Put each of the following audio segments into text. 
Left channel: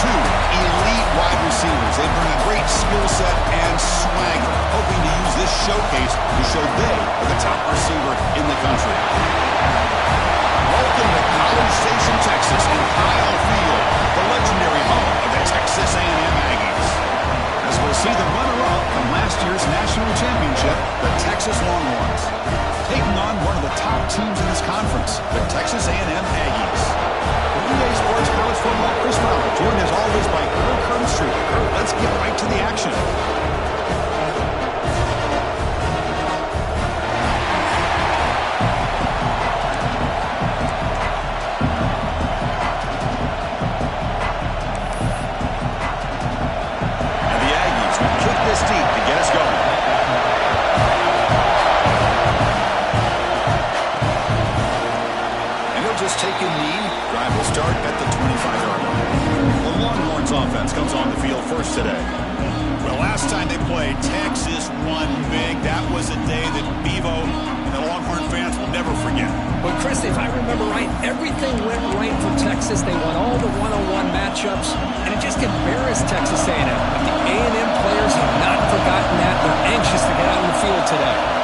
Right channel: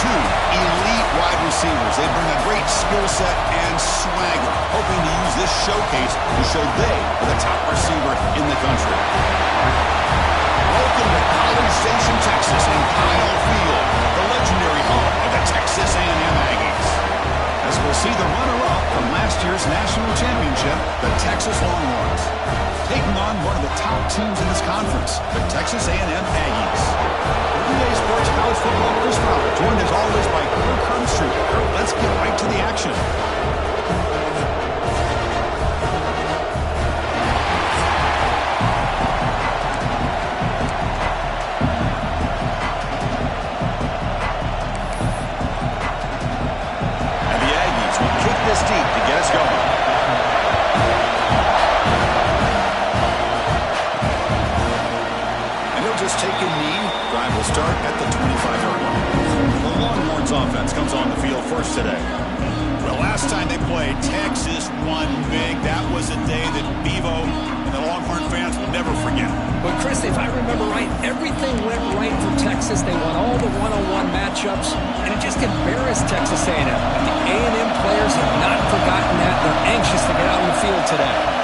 two elite wide receivers. They bring a great skill set and swagger, hoping to use this showcase to show they are the top receiver in the country. Welcome to College Station, Texas, and Kyle Field, the legendary home of the Texas A&M Aggies. As we'll see the runner-up from last year's national championship, the Texas Longhorns, taking on one of the top teams in this conference, the Texas A&M Aggies. EA Sports College Football, Chris Fowler, joined as always by Kirk Hermstreet. Kirk, let's get right to the action. And the Aggies will kick this deep to get us going. Just take a knee. Drive will start at the 25-yard line. The Longhorns offense comes on the field first today. Well, last time they played, Texas won big. That was a day that Bevo and the Longhorn fans will never forget. But, Chris, if I remember right, everything went right for Texas. They won all the one-on-one matchups, and it just embarrassed Texas A&M. But the A&M players have not forgotten that. They're anxious to get out on the field today.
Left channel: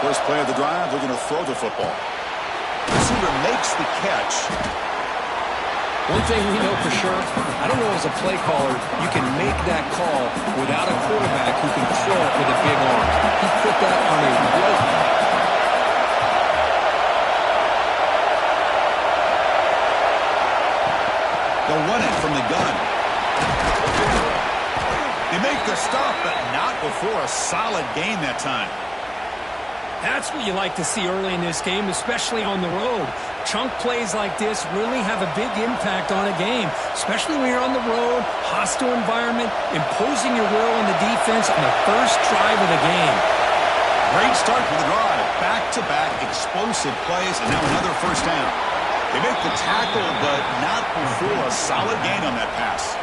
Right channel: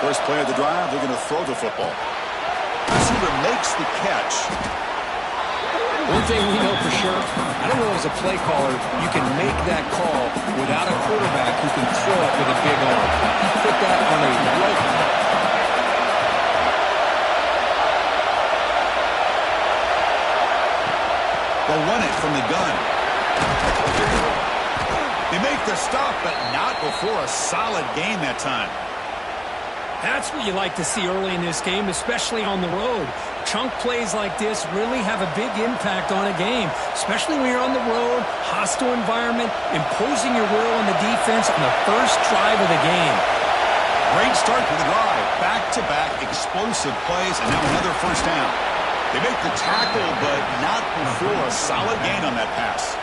First play of the drive, looking to throw the football. Receiver makes the catch. One thing we know for sure, I don't know as a play caller, you can make that call without a quarterback who can throw it with a big arm. He put that on a rope. They'll run it from the gun. They make the stop, but not before a solid gain that time. That's what you like to see early in this game, especially on the road. Chunk plays like this really have a big impact on a game, especially when you're on the road, hostile environment, imposing your will on the defense on the first drive of the game. Great start to the drive. Back-to-back explosive plays, and now another first down. They make the tackle, but not before a solid gain on that pass.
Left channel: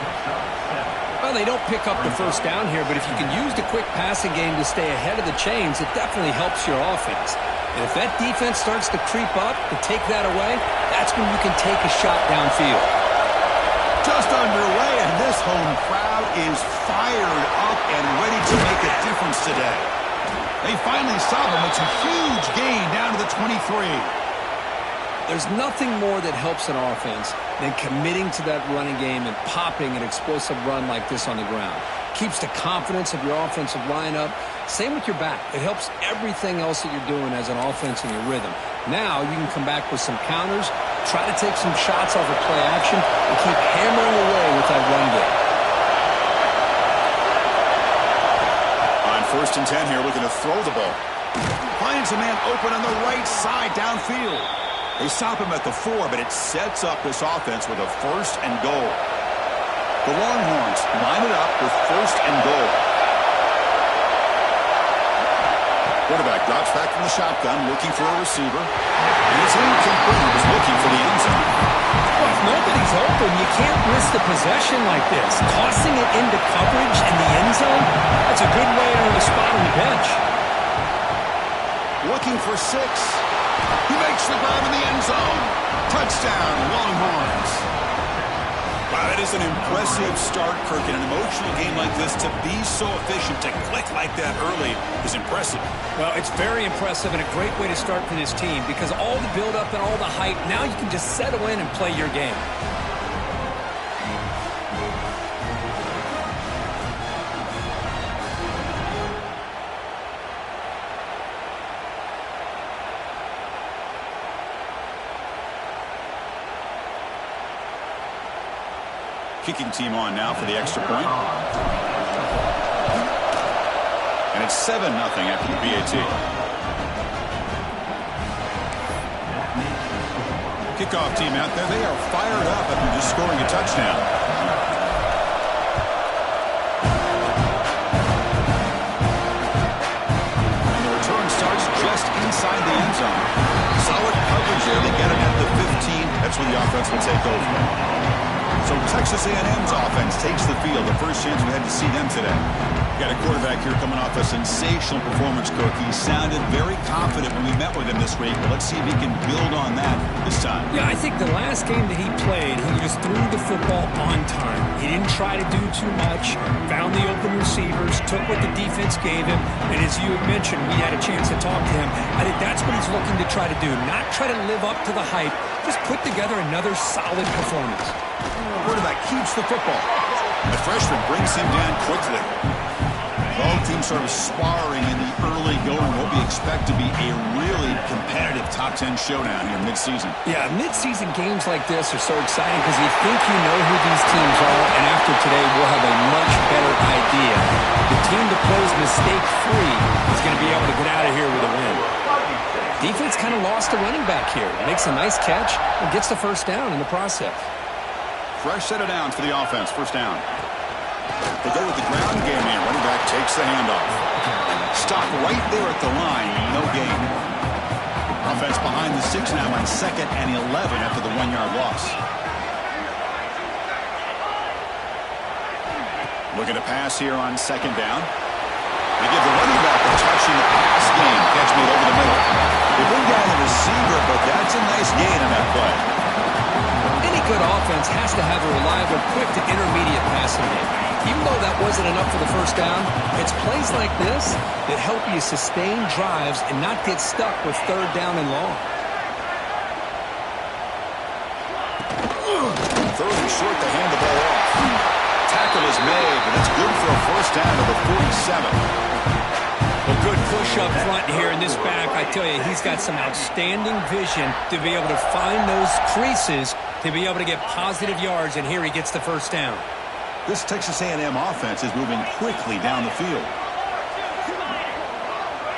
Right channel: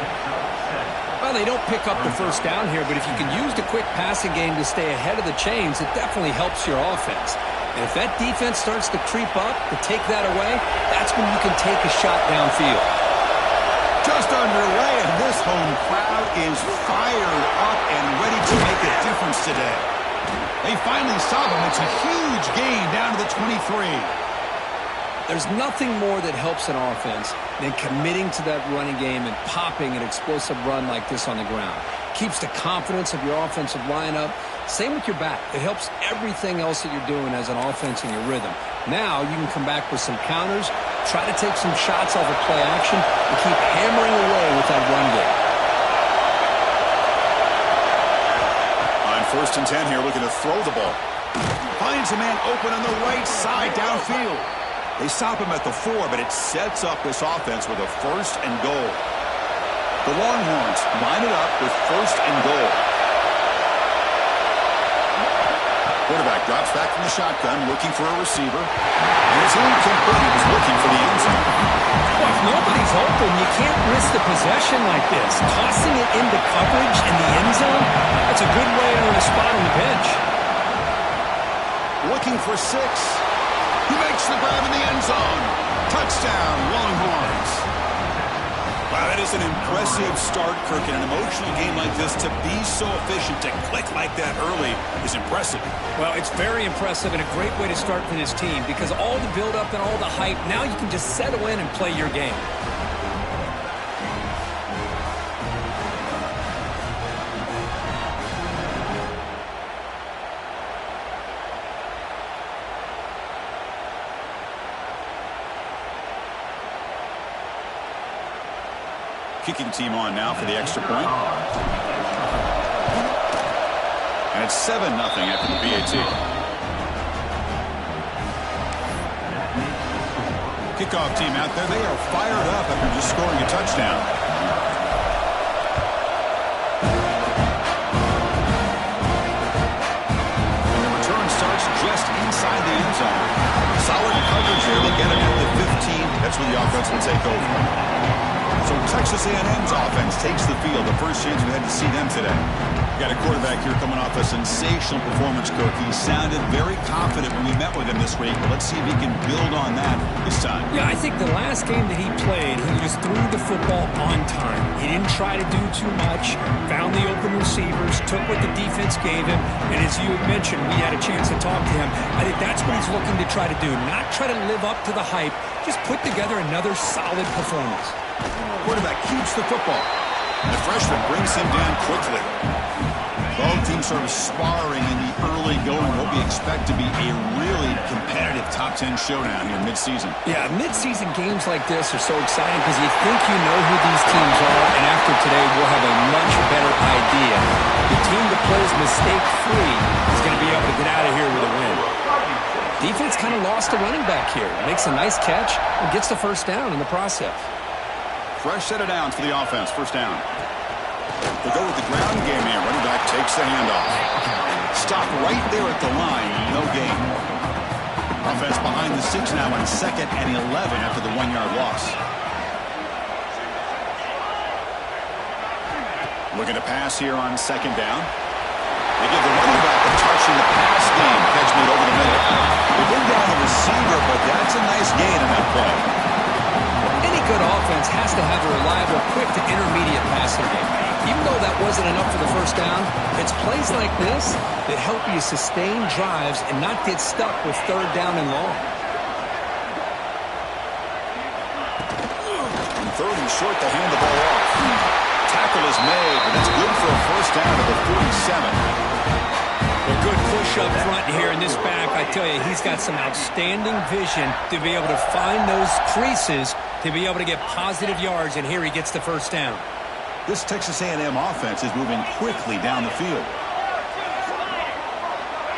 Well, they don't pick up the first down here, but if you can use the quick passing game to stay ahead of the chains, it definitely helps your offense. And if that defense starts to creep up, to take that away, that's when you can take a shot downfield. Just underway, and this home crowd is fired up and ready to make a difference today. They finally stop him. It's a huge gain down to the 23. There's nothing more that helps an offense than committing to that running game and popping an explosive run like this on the ground. Keeps the confidence of your offensive lineup. Same with your back. It helps everything else that you're doing as an offense in your rhythm. Now you can come back with some counters, try to take some shots off of play action, and keep hammering away with that run game. On 1st and 10 here, looking to throw the ball. Finds a man open on the right side downfield. They stop him at the 4, but it sets up this offense with a 1st and goal. The Longhorns line it up with 1st and goal. Quarterback drops back from the shotgun, looking for a receiver. And it's incomplete. He was looking for the end zone. Well, if nobody's open, you can't risk the possession like this. Tossing it into coverage in the end zone, that's a good way to earn a spot on the bench. Looking for 6. He makes the grab in the end zone. Touchdown, Longhorns. Wow, that is an impressive start, Kirk. In an emotional game like this, to be so efficient, to click like that early is impressive. Well, it's very impressive and a great way to start for this team because all the build-up and all the hype, now you can just settle in and play your game. Kicking team on now for the extra point. And it's 7-0 after the PAT. Kickoff team out there, they are fired up after just scoring a touchdown. And the return starts just inside the end zone. Solid coverage there. They get him at the 15. That's when the offense will take over. So Texas A&M's offense takes the field. The first chance we had to see them today. Got a quarterback here coming off a sensational performance, Kirk. He sounded very confident when we met with him this week. But let's see if he can build on that this time. Yeah, I think the last game that he played, he just threw the football on time. He didn't try to do too much, found the open receivers, took what the defense gave him, and as you had mentioned, we had a chance to talk to him. I think that's what he's looking to try to do, not try to live up to the hype, just put together another solid performance. Quarterback keeps the football. The freshman brings him down quickly. Both teams sort of sparring in the early going. What we expect to be a really competitive top 10 showdown here mid-season. Yeah, mid-season games like this are so exciting because you think you know who these teams are, and after today we'll have a much better idea. The team that plays mistake-free is going to be able to get out of here with a win. Defense kind of lost a running back here. Makes a nice catch and gets the first down in the process. Fresh set of downs for the offense. First down. They go with the ground game here. Running back takes the handoff. Stop right there at the line. No gain. Offense behind the 6 now on 2nd and 11 after the 1-yard loss. Looking to pass here on 2nd down. They give the running back a touch in the pass game. Catch made over the middle. They bring down the receiver, but that's a nice gain on that play. Any good offense has to have a reliable, quick to intermediate passing game. Even though that wasn't enough for the first down, it's plays like this that help you sustain drives and not get stuck with 3rd down and long. 3rd and short to hand the ball off. Tackle is made, but that's good for a first down to the 47. Well, good push up front here in this back. I tell you, he's got some outstanding vision to be able to find those creases to be able to get positive yards, and here he gets the first down. This Texas A&M offense is moving quickly down the field.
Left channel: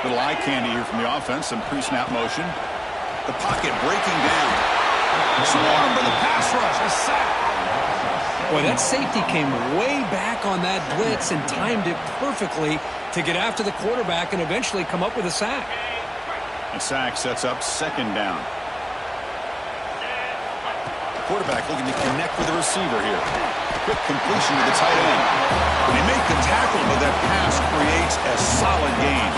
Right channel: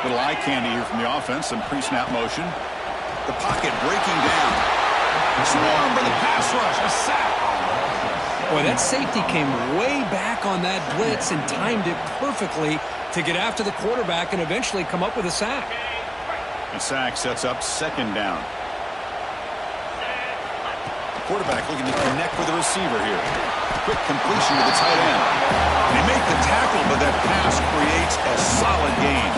Little eye candy here from the offense, some pre-snap motion. The pocket breaking down. Swarm for the pass rush, a sack. Boy, that safety came way back on that blitz and timed it perfectly to get after the quarterback and eventually come up with a sack. A sack sets up 2nd down. The quarterback looking to connect with the receiver here. Quick completion to the tight end. And they make the tackle, but that pass creates a solid gain.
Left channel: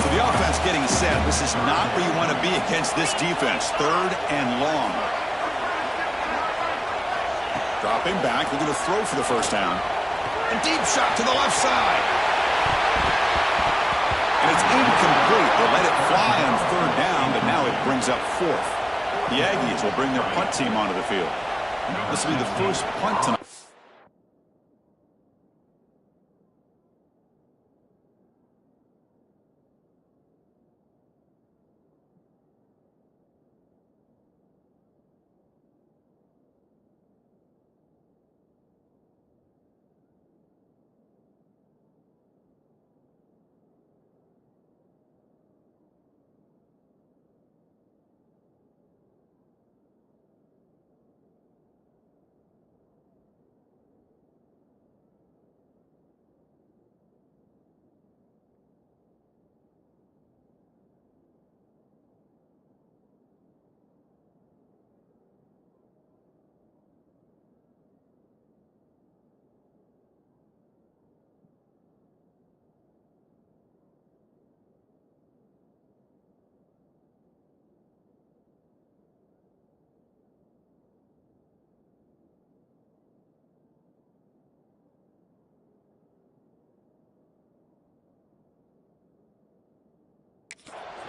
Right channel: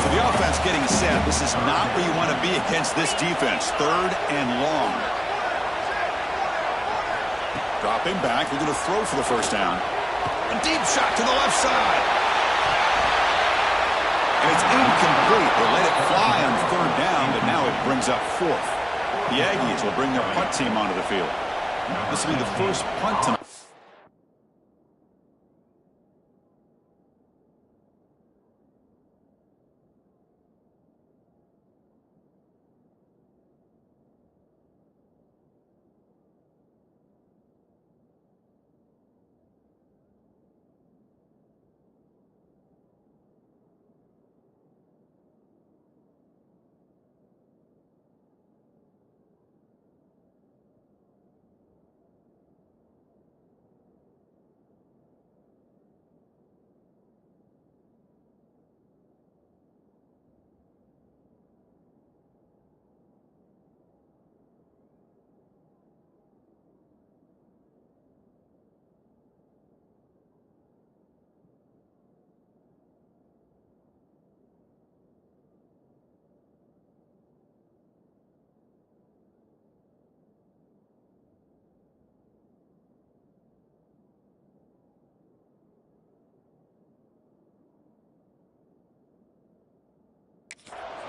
So the offense getting set. This is not where you want to be against this defense. 3rd and long. Dropping back, looking to throw for the first down. A deep shot to the left side. And it's incomplete. They let it fly on 3rd down, but now it brings up 4th. The Aggies will bring their punt team onto the field. This will be the first punt tonight.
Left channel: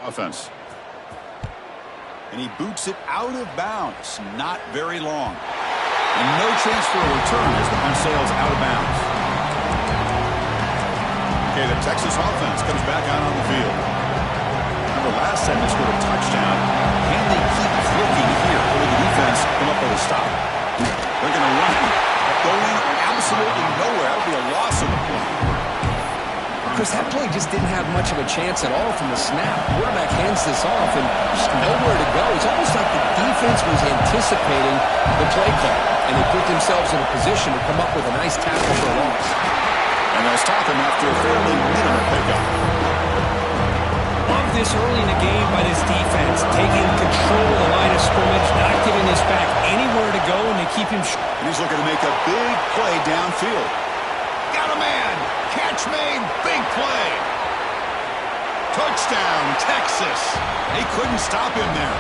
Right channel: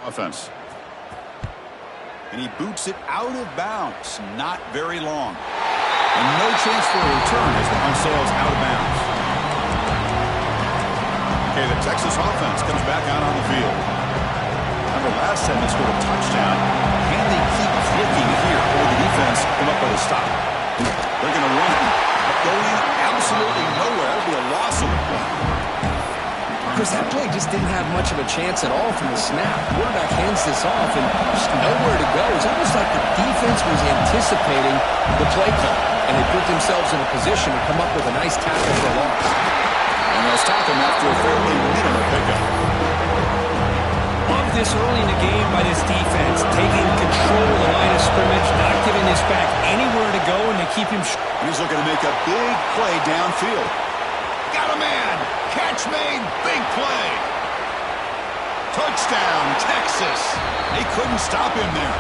Offense. And he boots it out of bounds. Not very long. And no chance for a return as the punt sails out of bounds. Okay, the Texas offense comes back out on the field. Remember, last time they scored a touchdown. Can they keep clicking here? Or will the defense come up with a stop? They're going to run it. Going absolutely nowhere. That would be a loss on the play. Chris, that play just didn't have much of a chance at all from the snap. Quarterback hands this off and just nowhere to go. It's almost like the defense was anticipating the play call, and they put themselves in a position to come up with a nice tackle for a loss. And they'll stop him after a fairly minimal pickup. Love this early in the game by this defense, taking control of the line of scrimmage, not giving this back anywhere to go, and they keep him. And he's looking to make a big play downfield. Got a man. Catch made. Big play. Touchdown, Texas. They couldn't stop him there.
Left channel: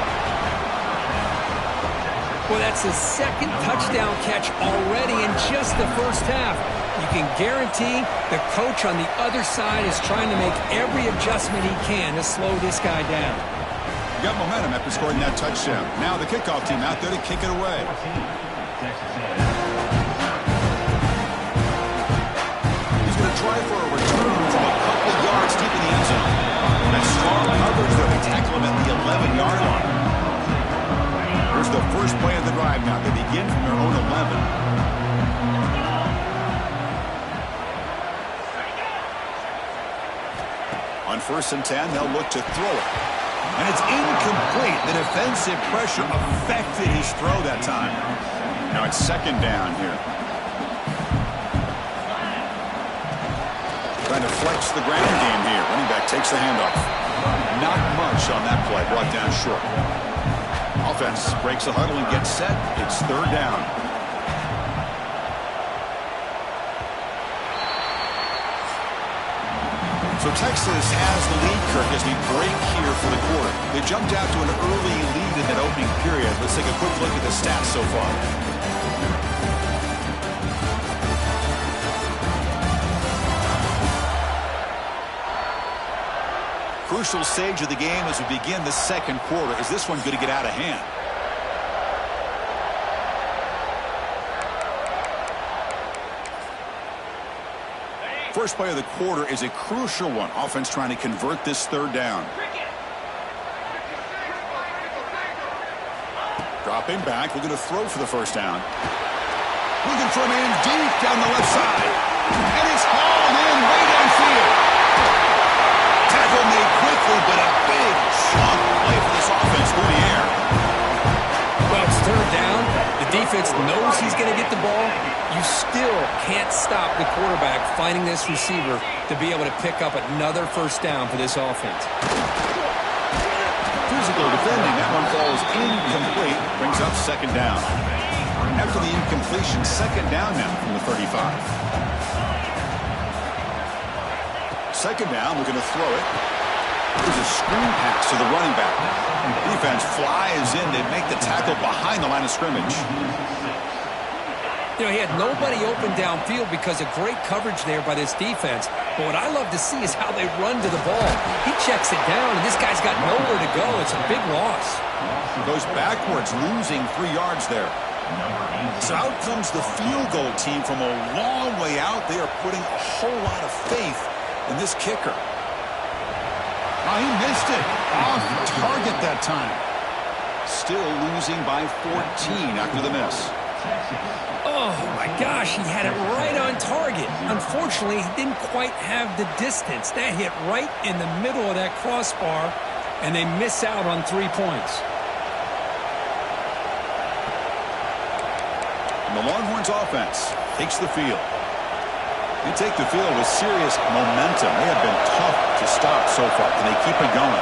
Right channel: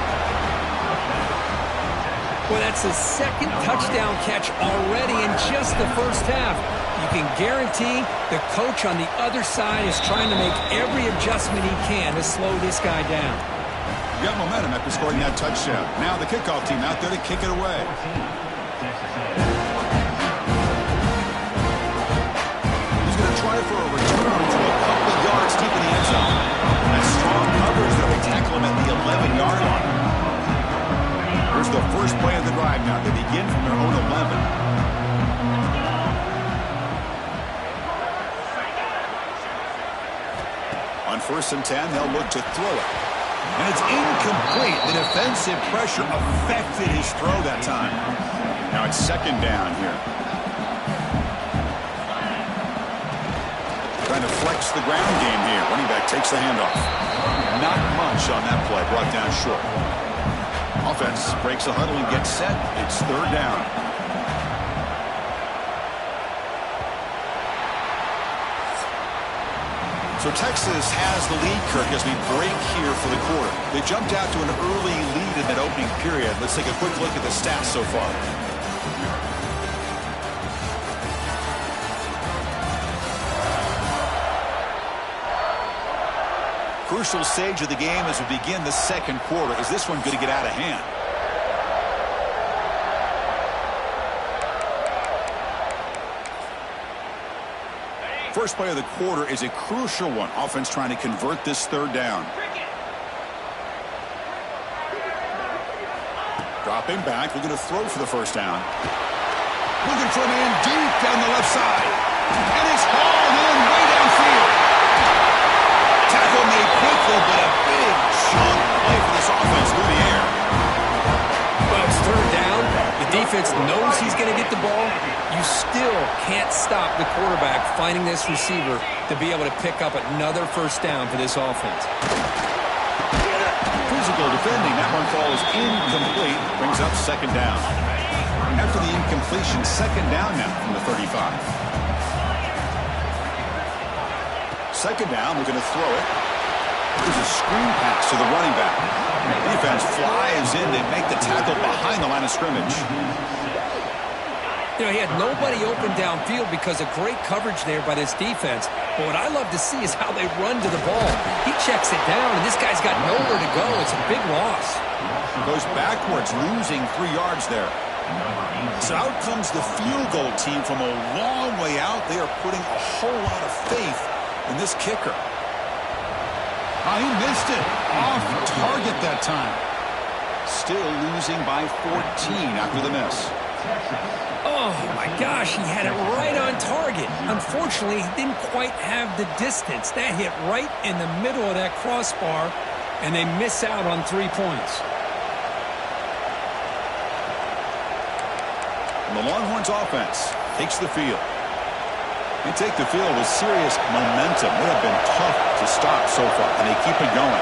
Well, that's his second touchdown catch already in just the first half. You can guarantee the coach on the other side is trying to make every adjustment he can to slow this guy down. Got momentum after scoring that touchdown. Now the kickoff team out there to kick it away. He's going to try for a return from a couple of yards deep in the end zone. That strong coverage there, they tackle him at the 11-yard line. Here's the first play of the drive now. They begin from their own 11. On 1st and 10, they'll look to throw it. And it's incomplete. The defensive pressure affected his throw that time. Now it's 2nd down here. Trying to flex the ground game here. Running back takes the handoff. Not much on that play. Brought down short. Offense breaks the huddle and gets set. It's 3rd down. So Texas has the lead, Kirk, as we break here for the quarter. They jumped out to an early lead in that opening period. Let's take a quick look at the stats so far. Crucial stage of the game as we begin the 2nd quarter. Is this one going to get out of hand? First play of the quarter is a crucial one. Offense trying to convert this 3rd down. Dropping back, looking to throw for the 1st down. Looking for a man deep down the left side. And it's hauled in way downfield. Tackle made quickly, but a big chunk play for this offense through the air. Well, it's 3rd down. The defense knows he's going to get the ball. You still can't stop the quarterback finding this receiver to be able to pick up another 1st down for this offense. Physical defending. That one falls incomplete. Brings up 2nd down. After the incompletion, 2nd down now from the 35. 2nd down, we're going to throw it. There's a screen pass to the running back. Defense flies in. They make the tackle behind the line of scrimmage. You know, he had nobody open downfield because of great coverage there by this defense. But what I love to see is how they run to the ball. He checks it down, and this guy's got nowhere to go. It's a big loss. Goes backwards, losing 3 yards there. So out comes the field goal team from a long way out. They are putting a whole lot of faith in this kicker. Oh, he missed it. Off target that time. Still losing by 14 after the miss. Oh, my gosh, he had it right on target. Unfortunately, he didn't quite have the distance. That hit right in the middle of that crossbar, and they miss out on 3 points. And the Longhorns offense takes the field. They take the field with serious momentum. They have been tough to stop so far. Can they keep it going?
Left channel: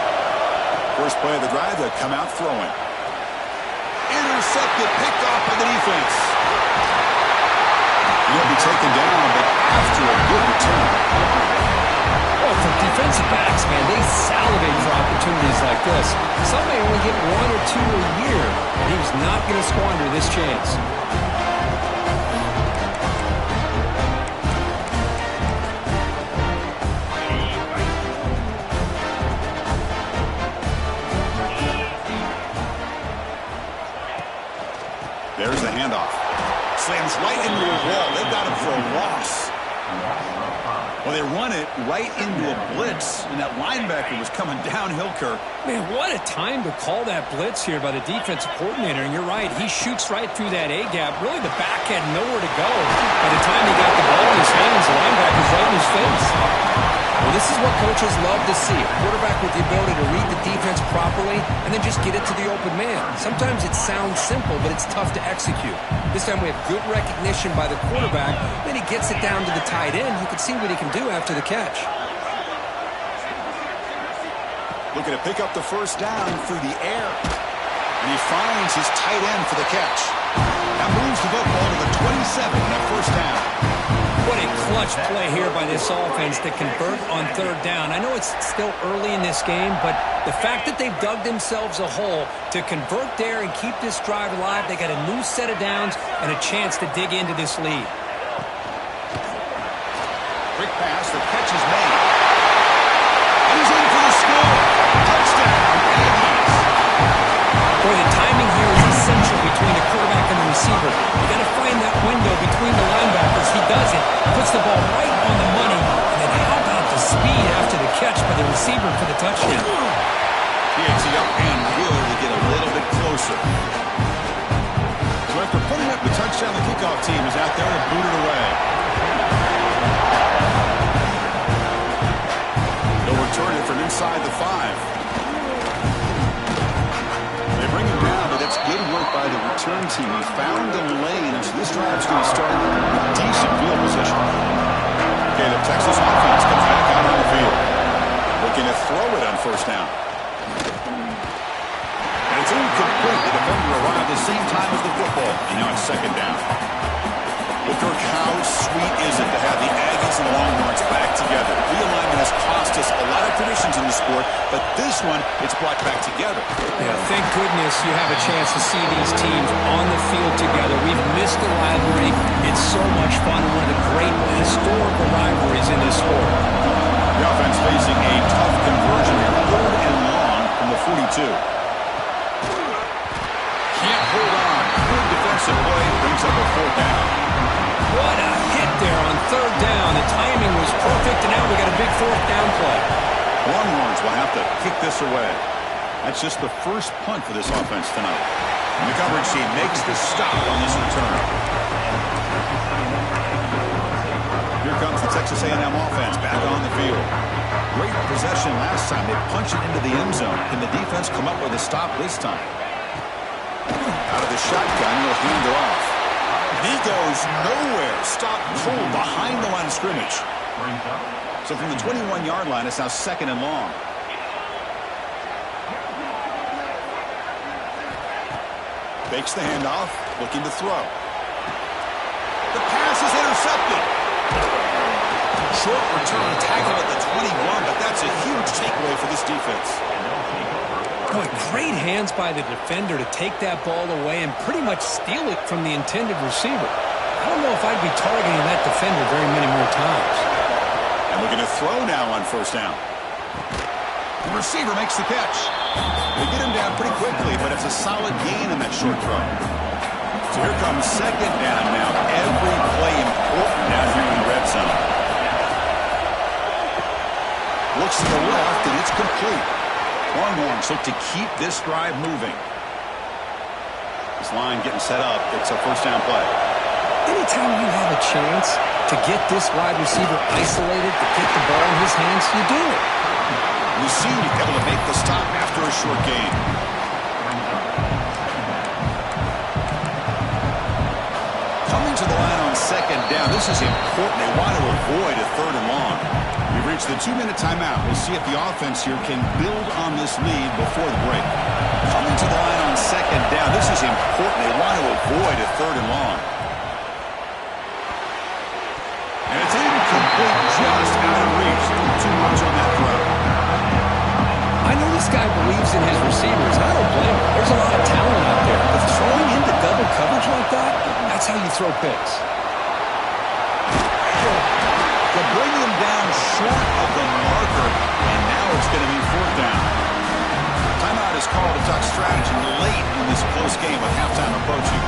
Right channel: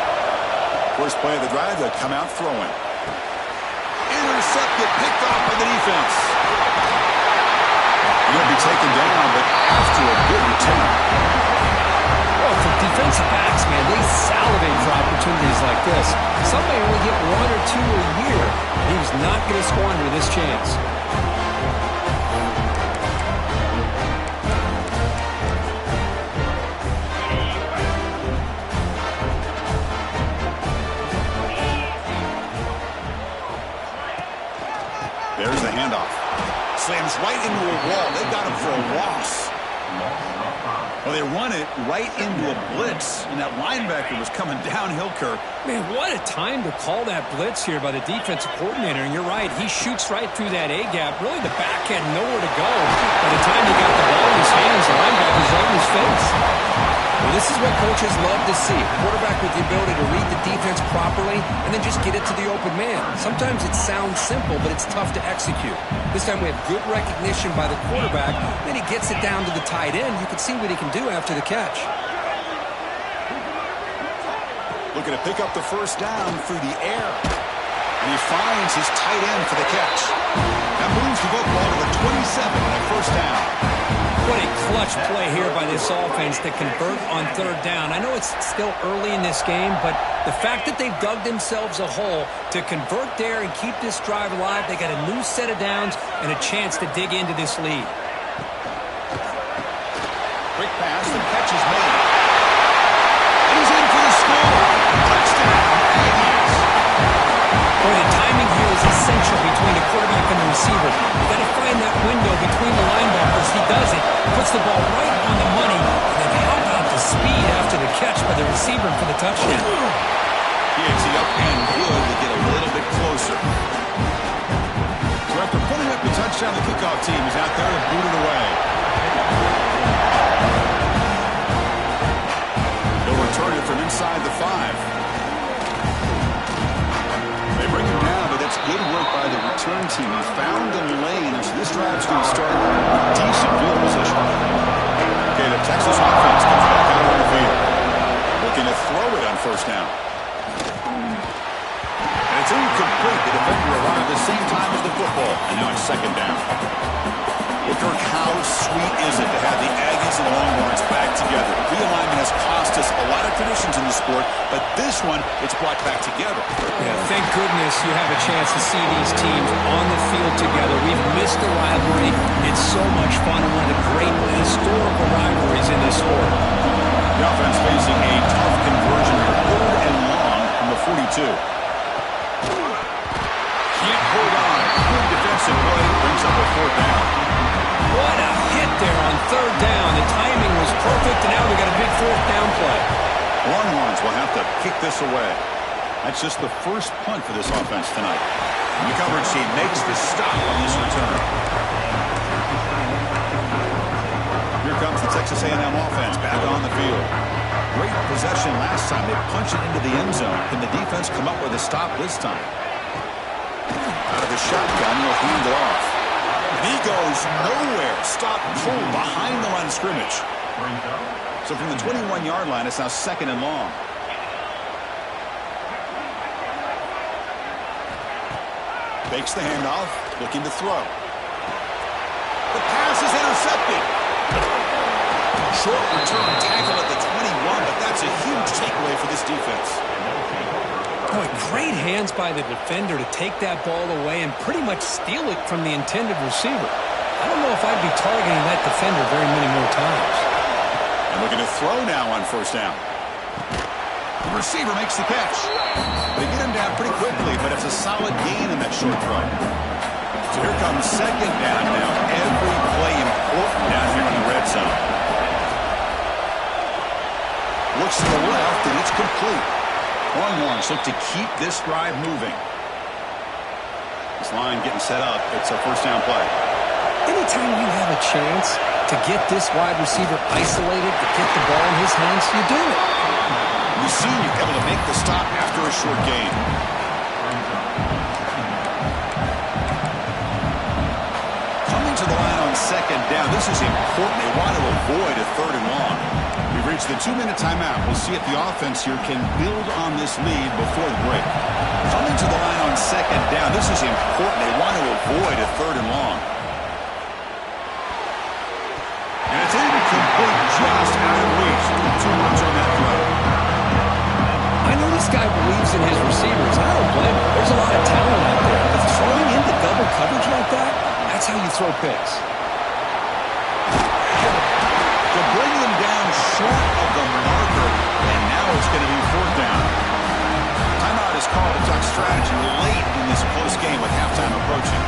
First play of the drive, they'll come out throwing. Intercepted, picked off by the defense. He'll be taken down, but after a good return. Well, for defensive backs, man, they salivate for opportunities like this. Some may only get 1 or 2 a year, and he was not going to squander this chance. There's the handoff. Slams right into a wall. They've got him for a loss. Well, they run it right into a blitz, and that linebacker was coming downhill, Kirk. Man, what a time to call that blitz here by the defensive coordinator. And you're right, he shoots right through that A-gap. Really, the back had nowhere to go. By the time he got the ball in his hands, the linebacker's right in his face. Well, this is what coaches love to see. A quarterback with the ability to read the defense properly and then just get it to the open man. Sometimes it sounds simple, but it's tough to execute. This time we have good recognition by the quarterback. Then he gets it down to the tight end. You can see what he can do after the catch. Looking to pick up the 1st down through the air. And he finds his tight end for the catch. That moves the football to the 27 on that 1st down. What a clutch play here by this offense to convert on third down. I know it's still early in this game, but the fact that they've dug themselves a hole to convert there and keep this drive alive, they got a new set of downs and a chance to dig into this lead. Quick pass, the catch is made. And he's in for the score. Touchdown, Aggies. Boy, the timing here is essential between the quarterback and the receiver. You got to find that window between the linebackers. He does it, puts the ball right on the money, and then how about the speed after the catch by the receiver for the touchdown? Y18 up and good to get a little bit closer. So after putting up the touchdown, the kickoff team is out there to boot it away. He'll return it from inside the 5. They bring him down, but that's good work by the return team. He found the lane, and so this drive's going to start with decent field position. Okay, the Texas offense comes back out on the field. Looking to throw it on first down. And it's incomplete. The defender arrived at the same time as the football, and now it's second down. Well, Kirk, how sweet is it to have the Aggies and the Longhorns back together? Realignment has cost us a lot of traditions in the sport, but this one, it's brought back together. Yeah, thank goodness you have a chance to see these teams on the field together. We've missed the rivalry. It's so much fun and one of the great historical rivalries in this sport. The offense facing a tough conversion here, 3rd and long from the 42. Can't hold on. Good defensive play, brings up a 4th down. What a hit there on 3rd down. The timing was perfect, and now we got a big 4th down play. Longhorns will have to kick this away. That's just the first punt for this offense tonight. And the coverage team makes the stop on this return. Here comes the Texas A&M offense back on the field. Great possession last time. They punch it into the end zone. Can the defense come up with a stop this time? Out of the shotgun, he'll hand it off. And he goes nowhere. Stop cold behind the line of scrimmage. So from the 21-yard line, it's now 2nd and long. Fakes the handoff, looking to throw. The pass is intercepted. Short return tackle at the 21, but that's a huge takeaway for this defense. Boy, great hands by the defender to take that ball away and pretty much steal it from the intended receiver. I don't know if I'd be targeting that defender very many more times. And looking to throw now on first down. The receiver makes the catch. They get him down pretty quickly, but it's a solid gain in that short throw. So here comes 2nd down now. Every play important down here in the red zone. Looks to the left, and it's complete. Longhorns look to keep this drive moving. This line getting set up. It's a first down play. Anytime you have a chance to get this wide receiver isolated, to get the ball in his hands, you do it. We've seen you able to make the stop after a short gain. Coming to the line on 2nd down. This is important. They want to avoid a 3rd and long. We've reached the 2-minute timeout. We'll see if the offense here can build on this lead before the break. Coming to the line on 2nd down. This is important. They want to avoid a 3rd and long. And it's incomplete, just out of reach. Too much on that throw. I know this guy believes in his receivers. I don't blame him. There's a lot of talent out there. But throwing into double coverage like that, that's how you throw picks. To bring him down short of the marker, and now it's going to be 4th down. Timeout is called to talk strategy late in this close game with halftime approaching.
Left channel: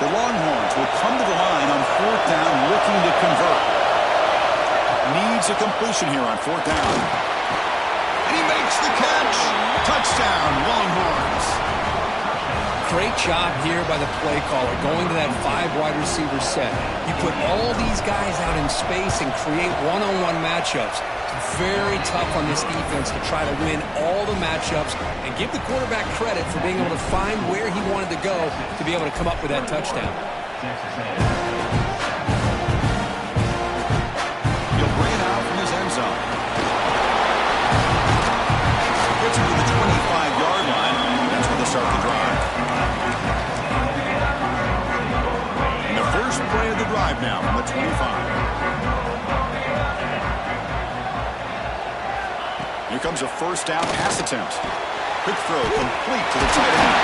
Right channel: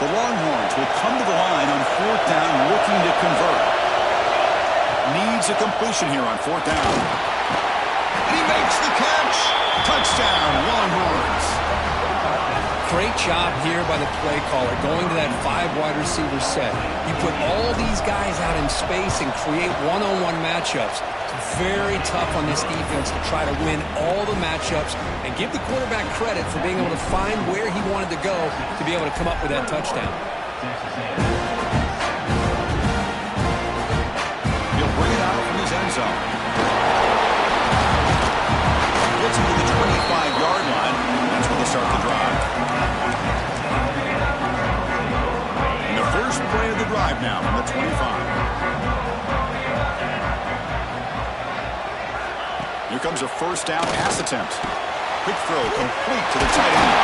The Longhorns will come to the line on 4th down, looking to convert. Needs a completion here on 4th down. He makes the catch. Touchdown, Longhorns. Great job here by the play caller, going to that 5 wide receiver set. You put all these guys out in space and create one-on-one matchups. It's very tough on this defense to try to win all the matchups and give the quarterback credit for being able to find where he wanted to go to be able to come up with that touchdown. He'll bring it out from his end zone. Gets him to the 25-yard line. That's where they start the drive. And the first play of the drive now from the 25. Here comes a first down pass attempt. Quick throw complete to the tight end.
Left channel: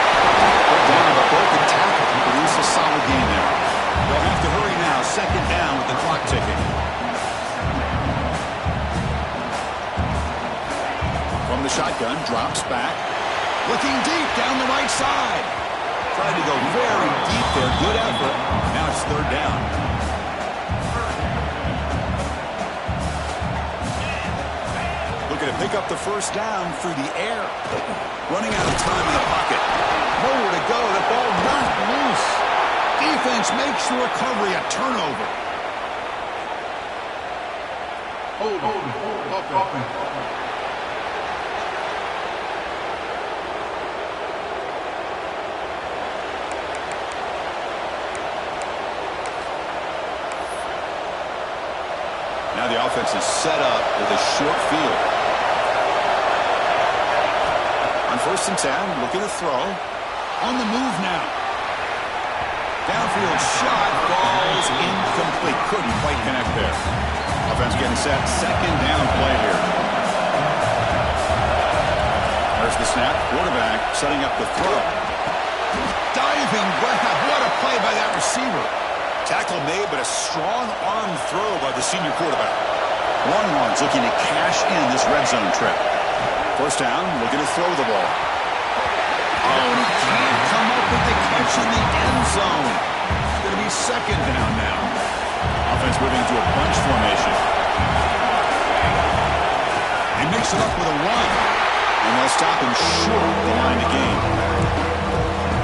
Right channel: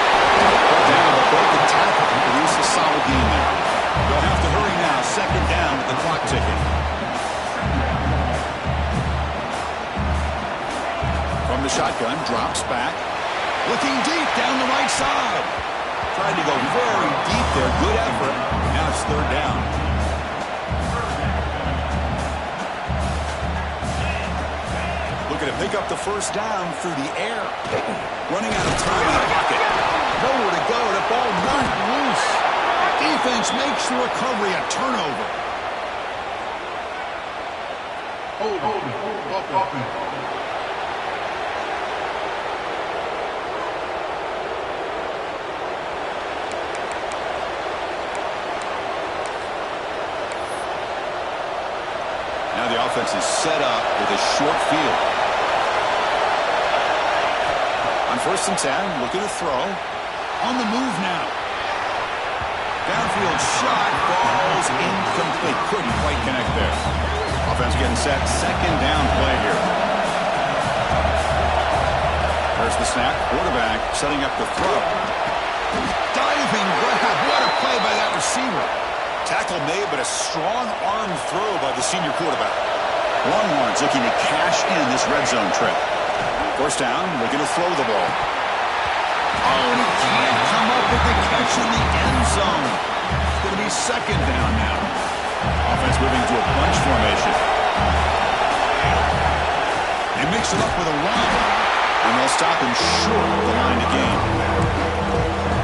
Put down, but broke the tackle to produce a solid gain there. They'll have to hurry now. Second down with the clock ticking. From the shotgun, drops back. Looking deep down the right side. Tried to go very deep there. Good effort. Now it's third down. Looking to pick up the first down through the air. Running out of time in the pocket. Nowhere to go. The ball knocked loose. Defense makes the recovery a turnover. Hold on. Now the offense is set up with a short field. On 1st and 10, looking to throw. On the move now. Downfield shot, falls incomplete. Couldn't quite connect there. Offense getting set. Second down play here. There's the snap. Quarterback setting up the throw. Diving grab. What a play by that receiver. Tackle made, but a strong arm throw by the senior quarterback. Longhorns looking to cash in this red zone trip. First down, looking to throw the ball. Oh, and he can't come up with the catch in the end zone. It's going to be second down now. Offense moving to a bunch formation. They mix it up with a run, and they'll stop him short of the line to gain.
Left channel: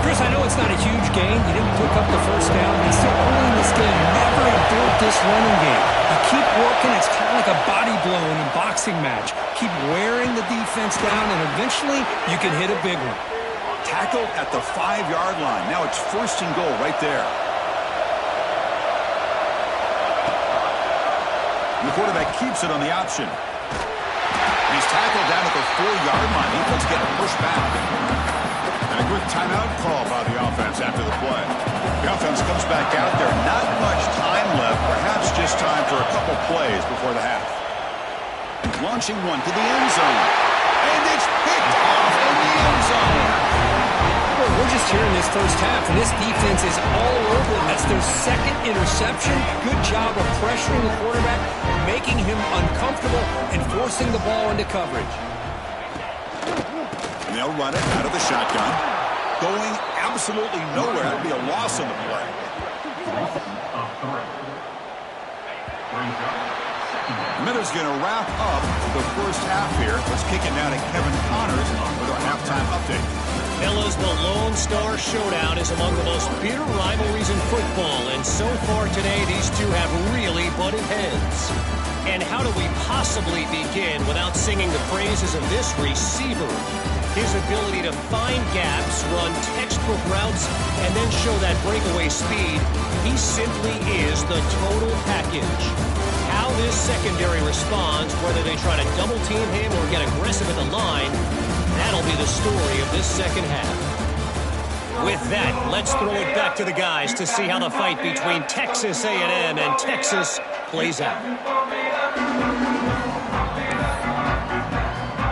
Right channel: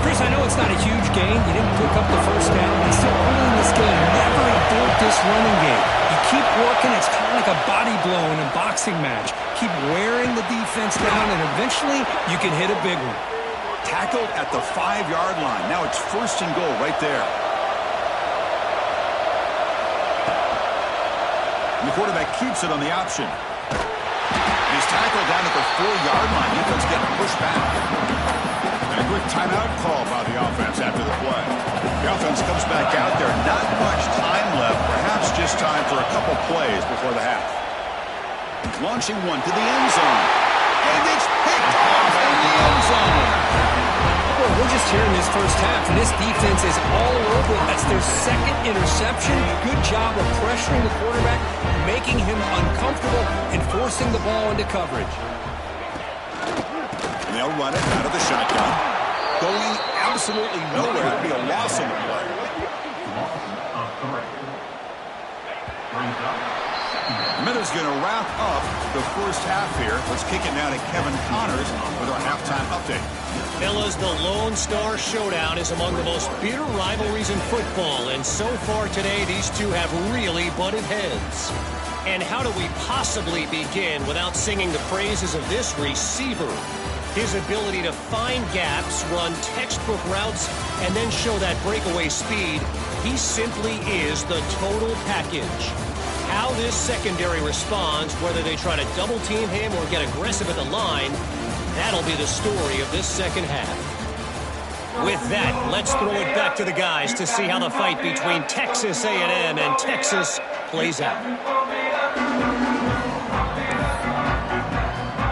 Chris, I know it's not a huge gain. You didn't pick up the first down. It's still early in this game. Never abort this running game. You keep working. It's kind of like a body blow in a boxing match. Keep wearing the defense down, and eventually you can hit a big one. Tackled at the 5-yard line. Now it's first and goal right there. And the quarterback keeps it on the option. And he's tackled down at the 4-yard line. Defense getting pushed back. And a quick timeout call by the offense after the play. The offense comes back out there. Not much time left. Perhaps just time for a couple plays before the half. Launching one to the end zone. And it's picked off in the end zone. Well, we're just here in this first half, and this defense is all over it. That's their second interception. Good job of pressuring the quarterback, making him uncomfortable, and forcing the ball into coverage. And they'll run it out of the shotgun. Going absolutely nowhere. That'd be a loss on the play. Minuta's going to wrap up the first half here. Let's kick it now to Kevin Connors with our halftime update. Fellas, the Lone Star Showdown is among the most bitter rivalries in football, and so far today, these two have really butted heads. And how do we possibly begin without singing the praises of this receiver? His ability to find gaps, run textbook routes, and then show that breakaway speed, he simply is the total package. How this secondary responds, whether they try to double team him or get aggressive at the line, that'll be the story of this second half. With that, let's throw it back to the guys to see how the fight between Texas A&M and Texas plays out.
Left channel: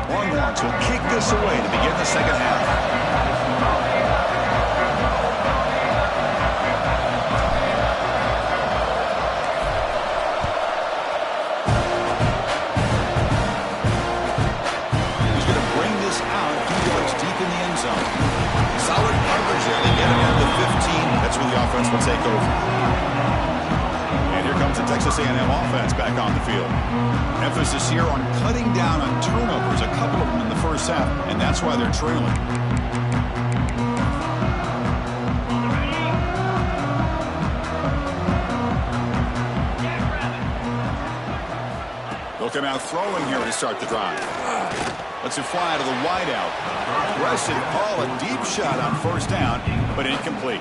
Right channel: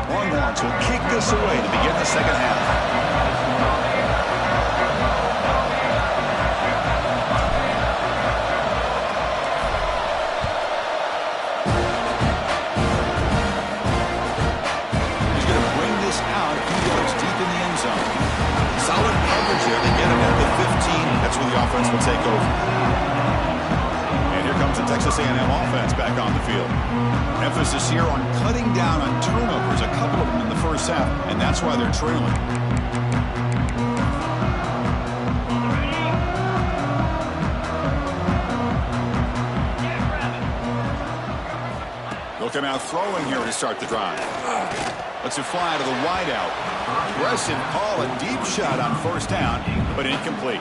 Longhorns will kick this away to begin the second half. Out a few yards deep in the end zone. Solid coverage there. They get him at the 15. That's where the offense will take over. And here comes the Texas A&M offense back on the field. Emphasis here on cutting down on turnovers, a couple of them in the first half, and that's why they're trailing. They'll come out throwing here to start the drive. Lets it fly to the wideout. Aggressive call, a deep shot on first down, but incomplete.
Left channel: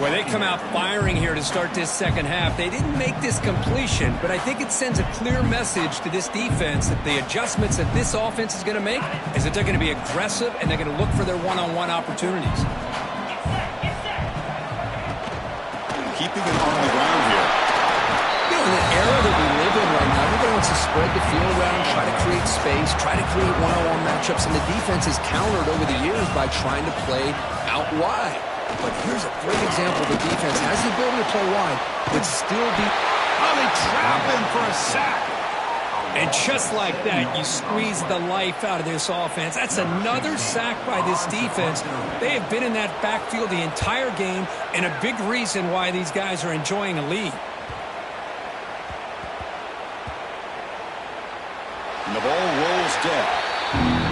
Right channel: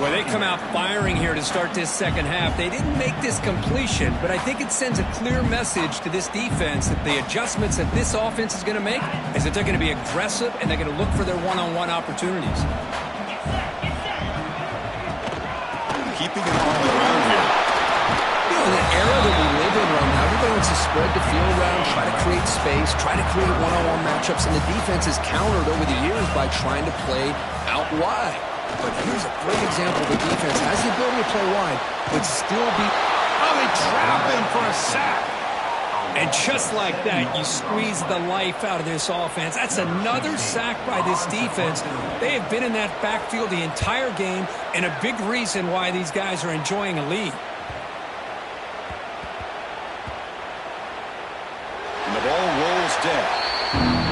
Well, they come out firing here to start this second half. They didn't make this completion, but I think it sends a clear message to this defense that the adjustments that this offense is going to make is that they're going to be aggressive and they're going to look for their one-on-one opportunities. Keeping it on the ground here. You know, in the era that we live in right now, everybody wants to spread the field around, try to create space, try to create one-on-one matchups, and the defense is countered over the years by trying to play out wide. But here's a great example. The defense has the ability to play wide, but still be... Oh, they trap him for a sack. And just like that, you squeeze the life out of this offense. That's another sack by this defense. They have been in that backfield the entire game, and a big reason why these guys are enjoying a lead. And the ball rolls dead.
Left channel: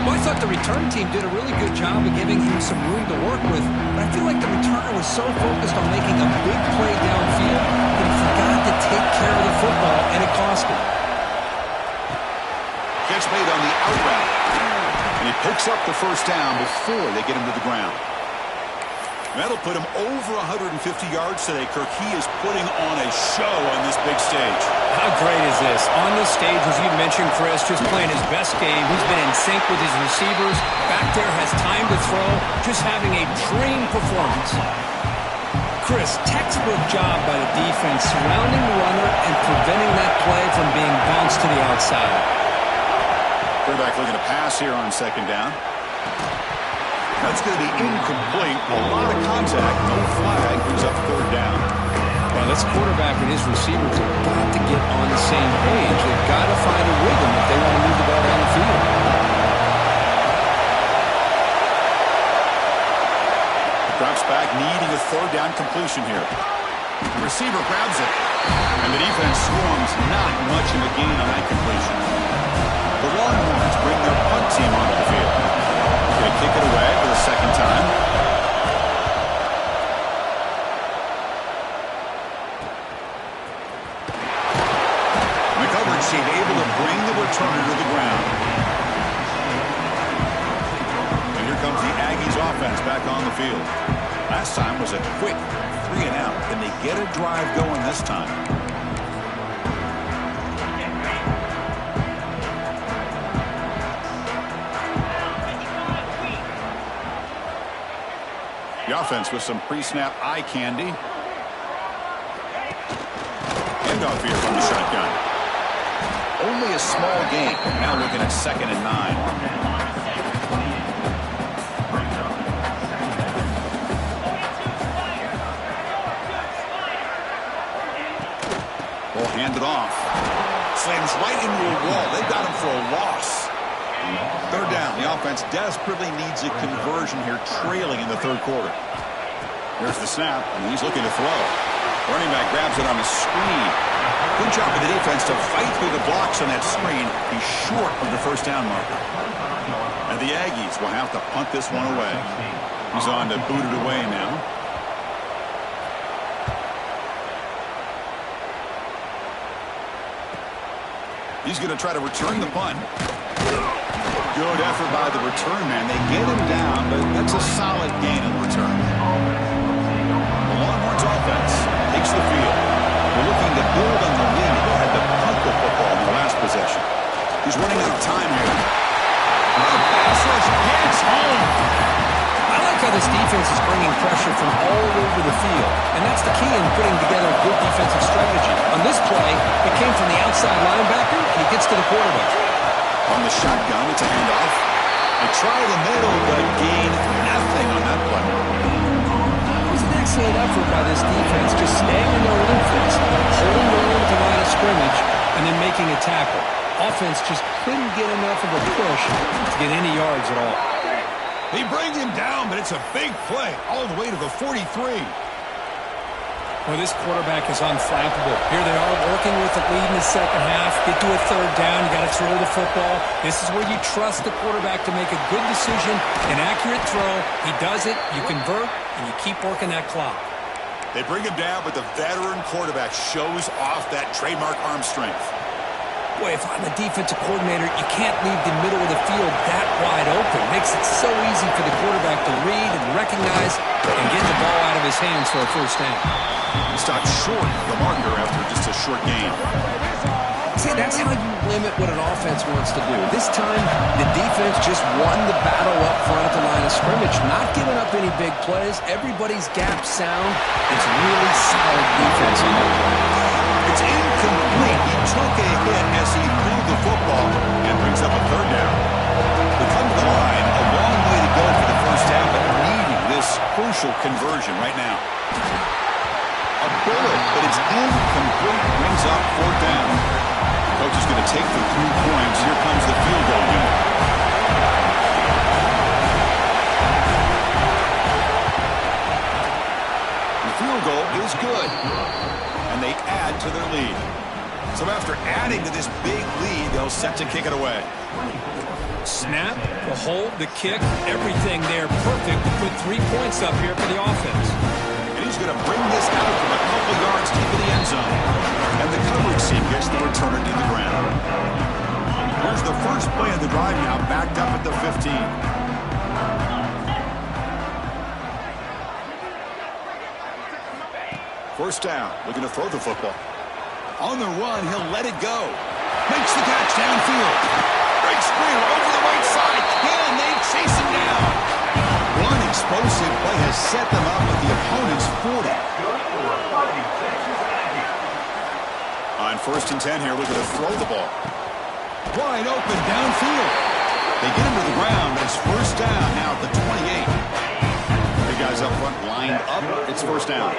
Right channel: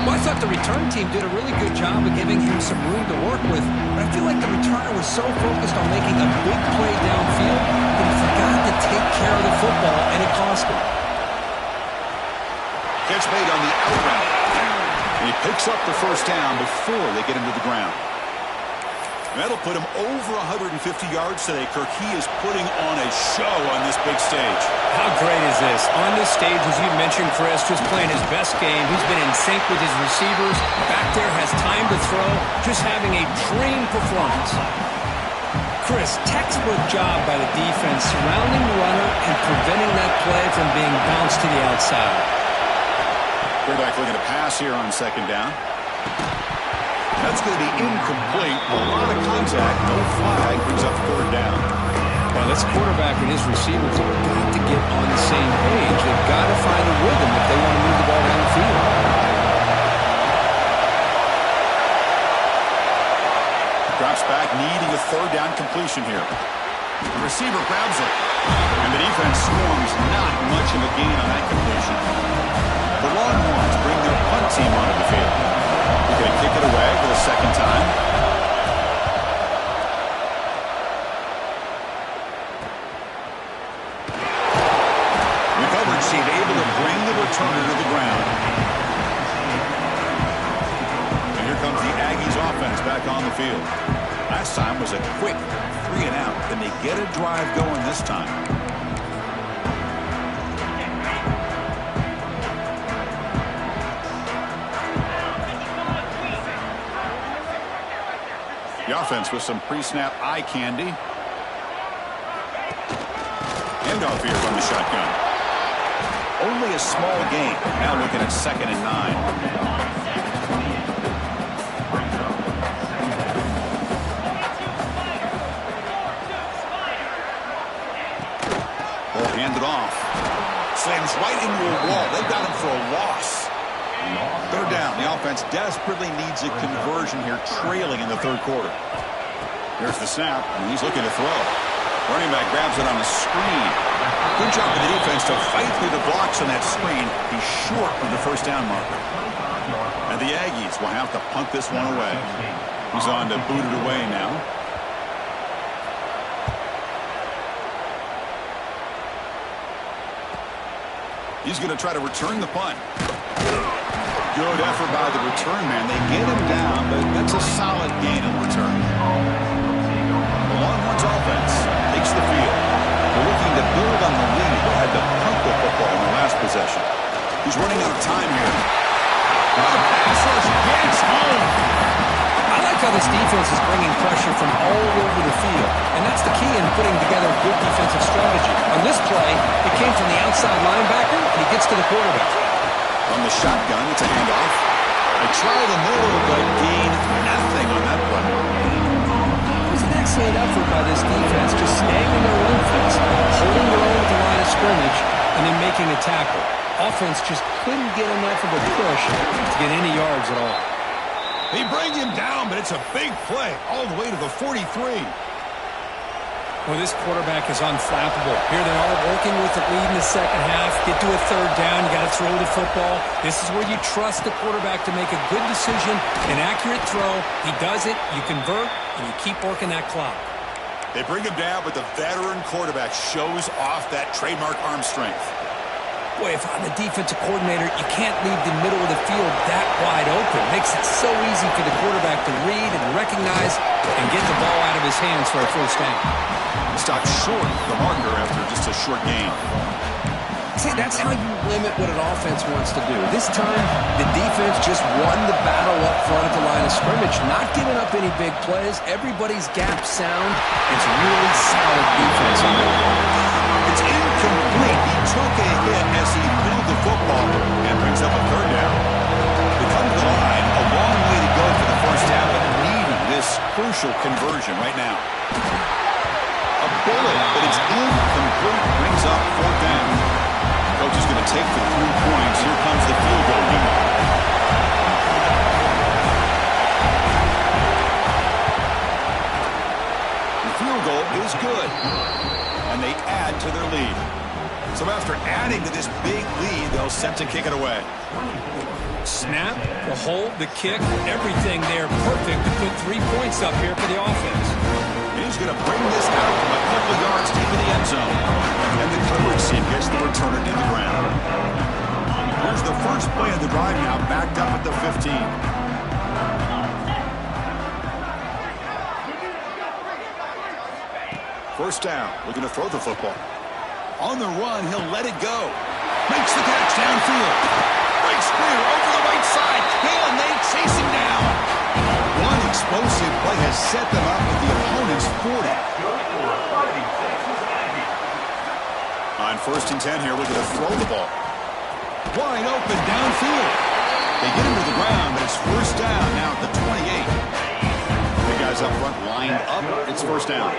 Well, I thought the return team did a really good job of giving him some room to work with, but I feel like the returner was so focused on making a big play downfield that he forgot to take care of the football, and it cost him. Catch made on the out route. And he picks up the first down before they get him to the ground. And that'll put him over 150 yards today, Kirk. He is putting on a show on this big stage. How great is this? On this stage, as you mentioned, Chris, just playing his best game. He's been in sync with his receivers. Back there, has time to throw. Just having a dream performance. Chris, textbook job by the defense surrounding the runner and preventing that play from being bounced to the outside. Quarterback looking to pass here on second down. That's going to be incomplete. A lot of contact. No flag. Brings up third down. Well, this quarterback and his receivers have got to get on the same page. They've got to find a rhythm if they want to move the ball down the field. Drops back, needing a third down completion here. The receiver grabs it. And the defense swarms. Not much of a gain on that completion. The Longhorns bring their punt team onto the field. They're going to kick it away for the second time. The coverage team able to bring the returner to the ground. And here comes the Aggies offense back on the field. Last time was a quick 3 and out. Can they get a drive going this time? The offense with some pre-snap eye candy. Handoff here from the shotgun. Only a small gain. Now looking at 2nd and 9. Ball handed off. Slams right into a wall. They've got him for a loss. Third down. The offense desperately needs a conversion here, trailing in the third quarter. Here's the snap, and he's looking to throw. Running back grabs it on a screen. Good job of the defense to fight through the blocks on that screen. He's short of the first down marker. And the Aggies will have to punt this one away. He's on to boot it away now. He's going to try to return the punt. Good effort by the return man. They get him down, but that's a solid gain in return. The Longhorns offense takes the field. They're looking to build on the lead. They had to punt the football in their last possession. He's running out of time here. The pass rush gets home. I like how this defense is bringing pressure from all over the field, and that's the key in putting together a good defensive strategy. On this play, it came from the outside linebacker, and he gets to the quarterback. On the shotgun, it's a handoff. They try the middle, but gain nothing on that play. It was an excellent effort by this defense, just staying in their own fence, holding their own at the line of scrimmage, and then making a tackle. Offense just couldn't get enough of a push to get any yards at all. They bring him down, but it's a big play all the way to the 43. Well, this quarterback is unflappable. Here they are working with the lead in the second half. Get to a third down. You got to throw the football. This is where you trust the quarterback to make a good decision, an accurate throw. He does it, you convert, and you keep working that clock. They bring him down, but the veteran quarterback shows off that trademark arm strength. Boy, if I'm the defensive coordinator, you can't leave the middle of the field that wide open. Makes it so easy for the quarterback to read and recognize and get the ball out of his hands for a first down. Stopped short of the marker after just a short gain. See, that's how you limit what an offense wants to do. This time, the defense just won the battle up front at the line of scrimmage, not giving up any big plays. Everybody's gap sound. It's really solid defense on that play. It's incomplete. He took a hit as he threw the football and brings up a third down. They come to the line, a long way to go for the first down, but needing this crucial conversion right now. A bullet, but it's incomplete. Brings up fourth down. Coach is going to take the 3 points. Here comes the field goal unit. The field goal is good, and they add to their lead. So after adding to this big lead, they'll set to kick it away. Snap, the hold, the kick, everything there perfect to put 3 points up here for the offense. And he's going to bring this out from a couple yards deep in the end zone. And the coverage team gets the returner to the ground. Here's the first play of the drive now, backed up at the 15. First down, looking to throw the football. On the run, he'll let it go. Makes the catch downfield. Breaks free over the right side. Can they chase him down? One explosive play has set them up at the opponent's 40. On 1st and 10 here, looking to throw the ball. Wide open downfield. They get him to the ground, but it's first down now at the 28. Big guys up front lined up. It's first down.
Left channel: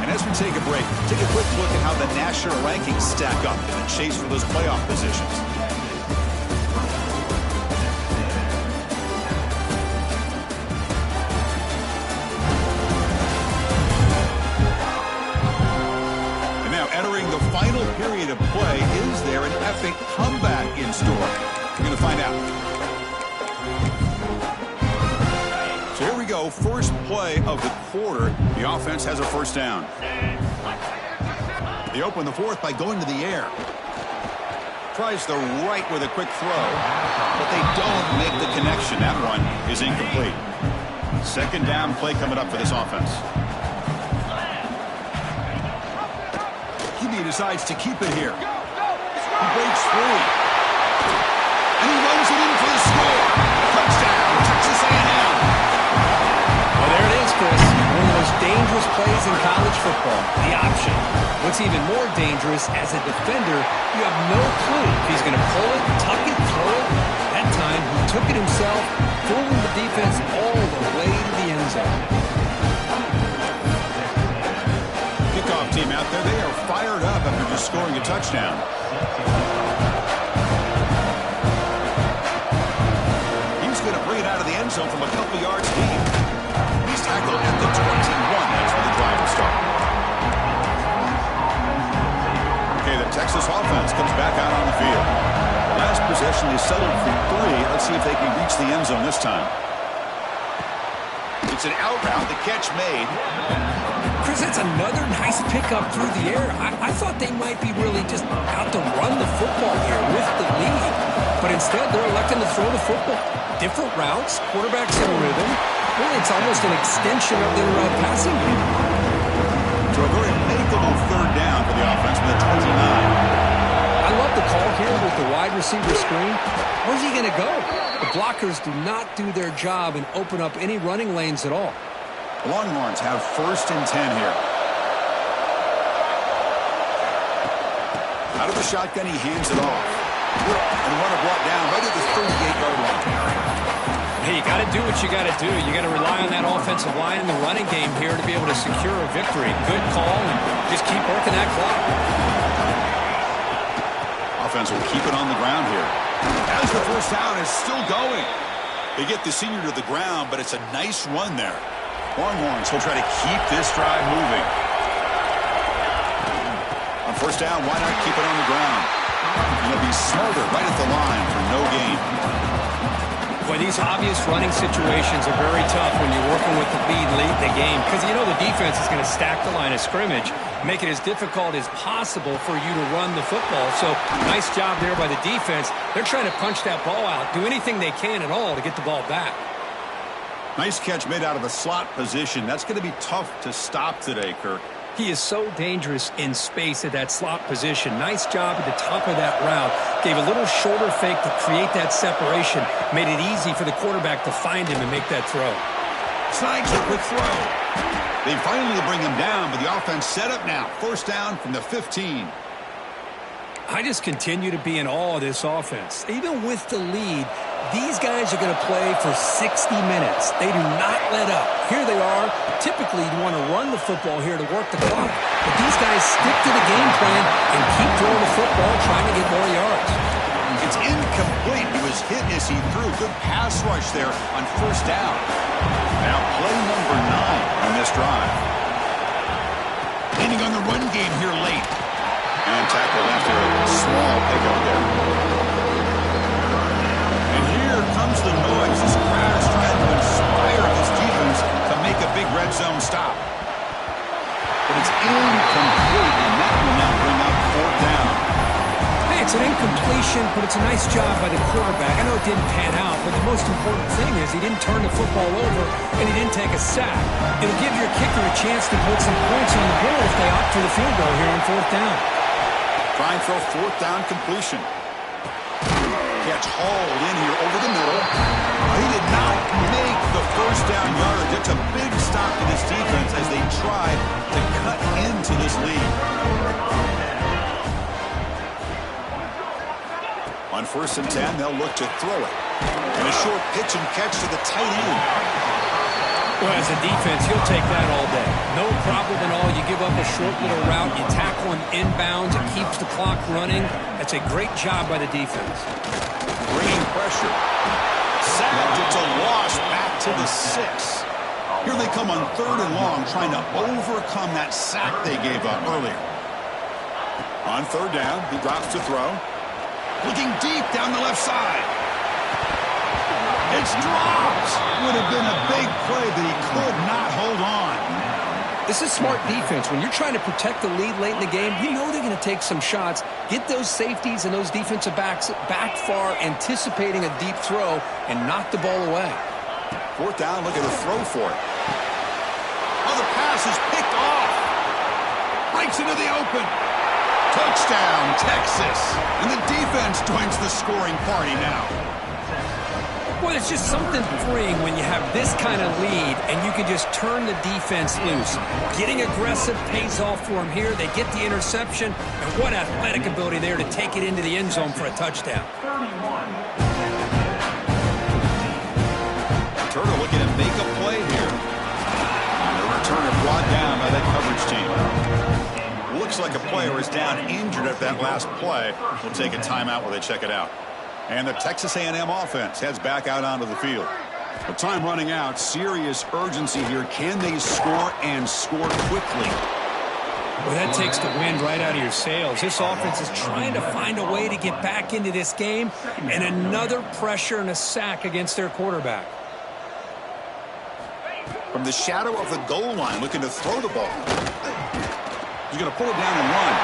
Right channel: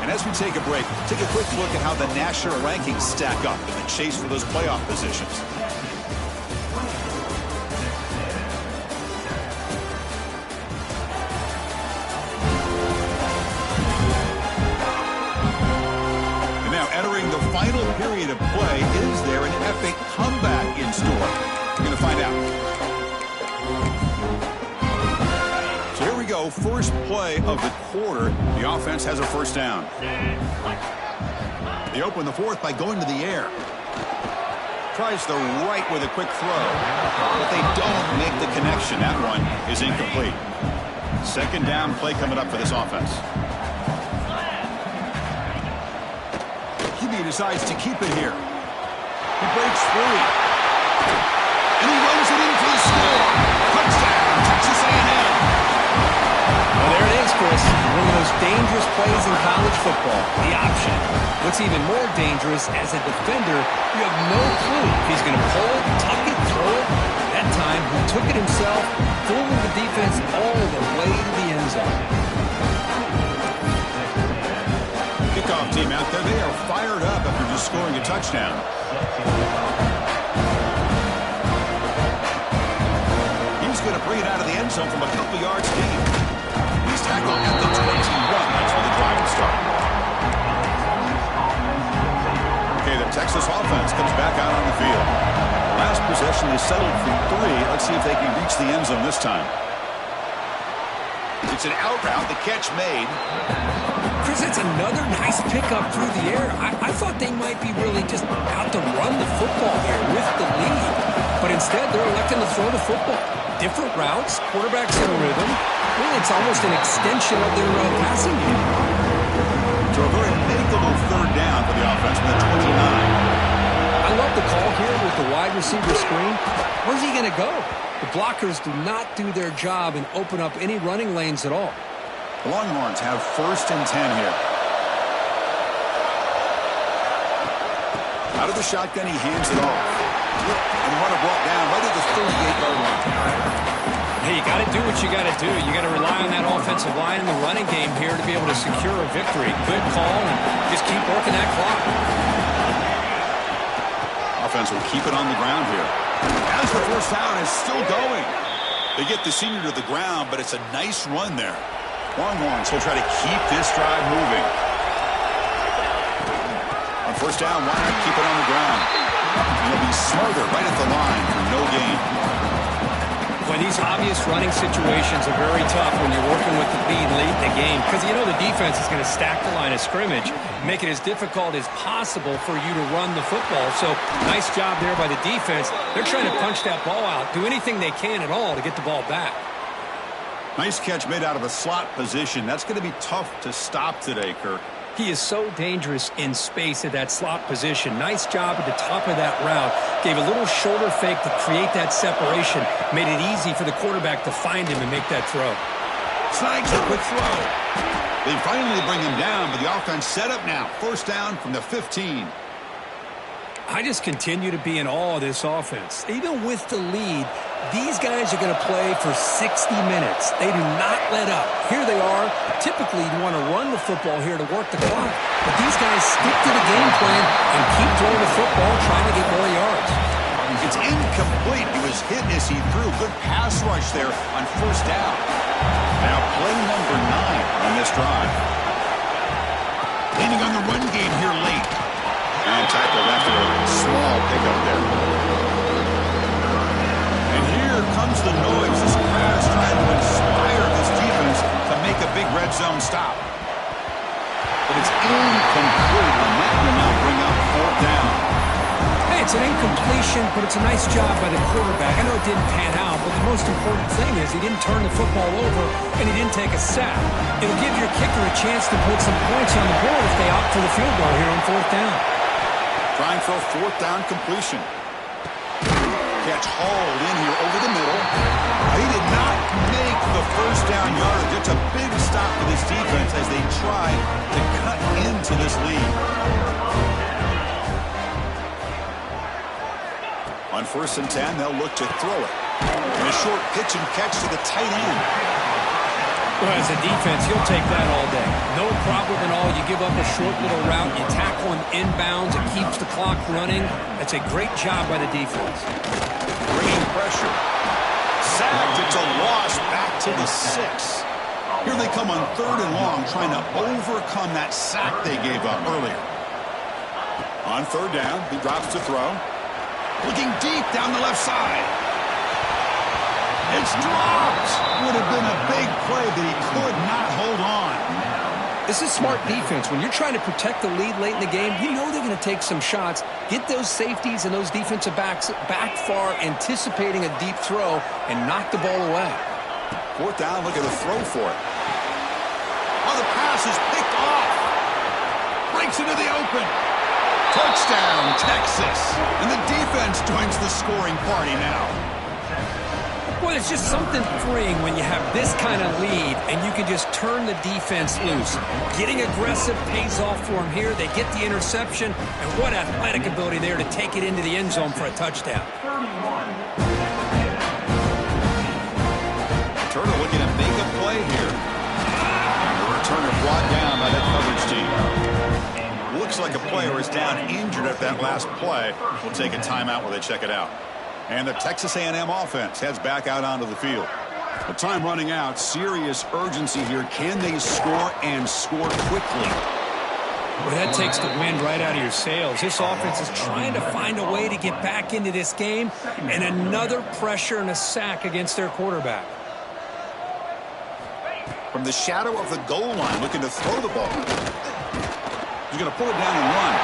And as we take a break, take a quick look at how the national rankings stack up in the chase for those playoff positions. And now entering the final period of play, is there an epic comeback in store? We're going to find out. So here we go, first play of the quarter. The offense has a first down. They open the fourth by going to the air. Tries the right with a quick throw, but they don't make the connection. That one is incomplete. Second down play coming up for this offense. QB decides to keep it here. He breaks free. And he runs it in for the score. Touchdown, Texas A&M. Well, there it is, Chris. One of the most dangerous plays in college football, the option. What's even more dangerous, as a defender, you have no clue if he's going to pull it, tuck it, throw it. That time, he took it himself, fooling the defense all the way to the end zone. Kickoff team out there, they are fired up after just scoring a touchdown. He's going to bring it out of the end zone from a couple yards deep. He's tackled at the 21. That's where the drive will start. Okay, the Texas offense comes back out on the field. Last possession, they settled for 3. Let's see if they can reach the end zone this time. It's an out route. The catch made. Chris, it's another nice pickup through the air. I thought they might be really just out to run the football here with the lead. But instead, they're electing to throw the football. Different routes, quarterbacks in rhythm. Really, it's almost an extension of their passing game. To a very makeable third down for the offense with a 29. I love the call here with the wide receiver screen. Where's he going to go? The blockers do not do their job and open up any running lanes at all. The Longhorns have 1st and 10 here. Out of the shotgun, he hands it off. And the runner brought down right at the 38-yard line. Hey, you got to do what you got to do. You got to rely on that offensive line in the running game here to be able to secure a victory. Good call, and just keep working that clock. Offense will keep it on the ground here. As the first down is still going. They get the senior to the ground, but it's a nice run there. Longhorns will try to keep this drive moving. On first down, why not keep it on the ground? And they'll be smarter right at the line for no gain. Boy, these obvious running situations are very tough when you're working with the lead late in the game because you know the defense is going to stack the line of scrimmage, make it as difficult as possible for you to run the football. So nice job there by the defense. They're trying to punch that ball out, do anything they can at all to get the ball back. Nice catch made out of a slot position. That's going to be tough to stop today, Kirk. He is so dangerous in space at that slot position. Nice job at the top of that route. Gave a little shoulder fake to create that separation. Made it easy for the quarterback to find him and make that throw. Snags a quick throw. They finally bring him down, but the offense set up now. First down from the 15. I just continue to be in awe of this offense. Even with the lead, these guys are going to play for 60 minutes. They do not let up. Here they are. Typically, you want to run the football here to work the clock. But these guys stick to the game plan and keep throwing the football, trying to get more yards. It's incomplete. He was hit as he threw. Good pass rush there on first down. Now play number 9 on this drive. Leaning on the run game here late. And tackled after a small pickup there. And here comes the noise. This crowd is trying to inspire this defense to make a big red zone stop. But it's incomplete, and that will now bring up fourth down. Hey, it's an incompletion, but it's a nice job by the quarterback. I know it didn't pan out, but the most important thing is he didn't turn the football over and he didn't take a sack. It'll give your kicker a chance to put some points on the board if they opt for the field goal here on fourth down. Trying for a fourth down completion. Catch hauled in here over the middle. He did not make the first down yardage. It's a big stop for this defense as they try to cut into this lead. On 1st and 10, they'll look to throw it. And a short pitch and catch to the tight end. Well, as a defense, you'll take that all day. No problem at all. You give up a short little route. You tackle him inbounds. It keeps the clock running. That's a great job by the defense. Bringing pressure. Sacked. It's a loss back to the 6. Here they come on 3rd and long, trying to overcome that sack they gave up earlier. On 3rd down, he drops to throw. Looking deep down the left side. It's dropped. Would have been a big play, but he could not hold on. This is smart defense. When you're trying to protect the lead late in the game, you know they're going to take some shots. Get those safeties and those defensive backs back far, anticipating a deep throw, and knock the ball away. 4th down, look at the throw for it. Oh, the pass is picked off. Breaks into the open. Touchdown, Texas. And the defense joins the scoring party now. Well, it's just something freeing when you have this kind of lead and you can just turn the defense loose. Getting aggressive pays off for them here. They get the interception, and what athletic ability there to take it into the end zone for a touchdown. Turner looking to make a play here. And the returner brought down by that coverage team. Looks like a player is down injured at that last play. We'll take a timeout while they check it out. And the Texas A&M offense heads back out onto the field. The time running out. Serious urgency here. Can they score and score quickly? Well, that takes the wind right out of your sails. This offense is trying to find a way to get back into this game, and another pressure and a sack against their quarterback. From the shadow of the goal line, looking to throw the ball. He's going to pull it down and run.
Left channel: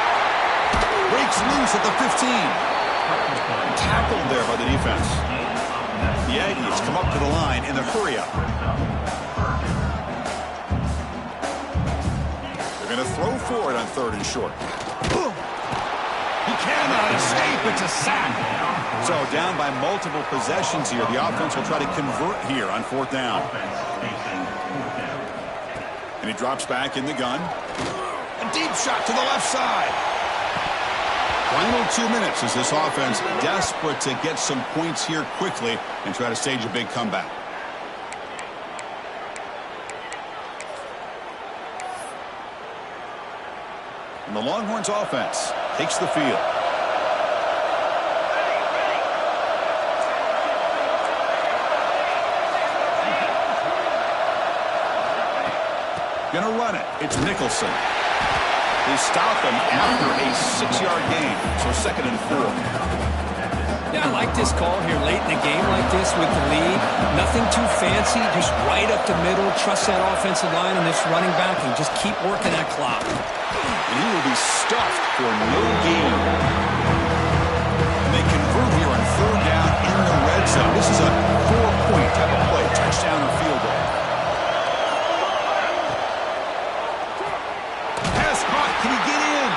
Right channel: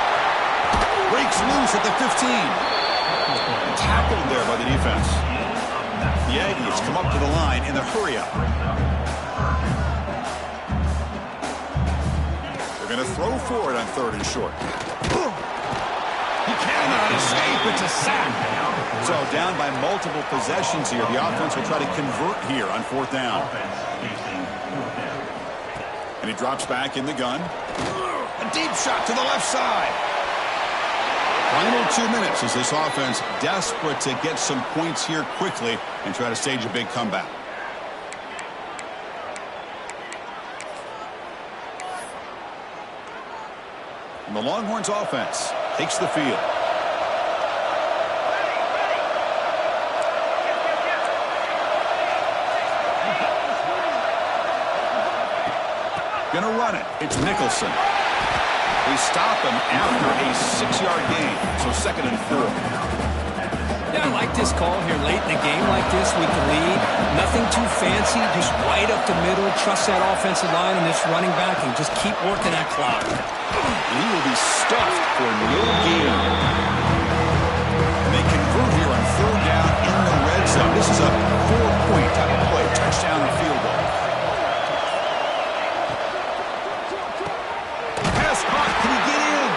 Breaks loose at the 15. Tackled there by the defense. The Aggies come up to the line in the hurry-up. They're going to throw for it on 3rd and short. He cannot escape. It's a sack. So down by multiple possessions here. The offense will try to convert here on 4th down. And he drops back in the gun. A deep shot to the left side. Final 2 minutes as this offense desperate to get some points here quickly and try to stage a big comeback. And the Longhorns offense takes the field. Gonna run it. It's Nicholson. They stop him after a 6-yard gain, so 2nd and 4. Yeah, I like this call here late in the game like this with the lead. Nothing too fancy, just right up the middle. Trust that offensive line and this running back and just keep working that clock. And he will be stuffed for no gain. And they convert here on 3rd down in the red zone. This is a 4-point type of play, touchdown or field goal. Pass caught, can he get in?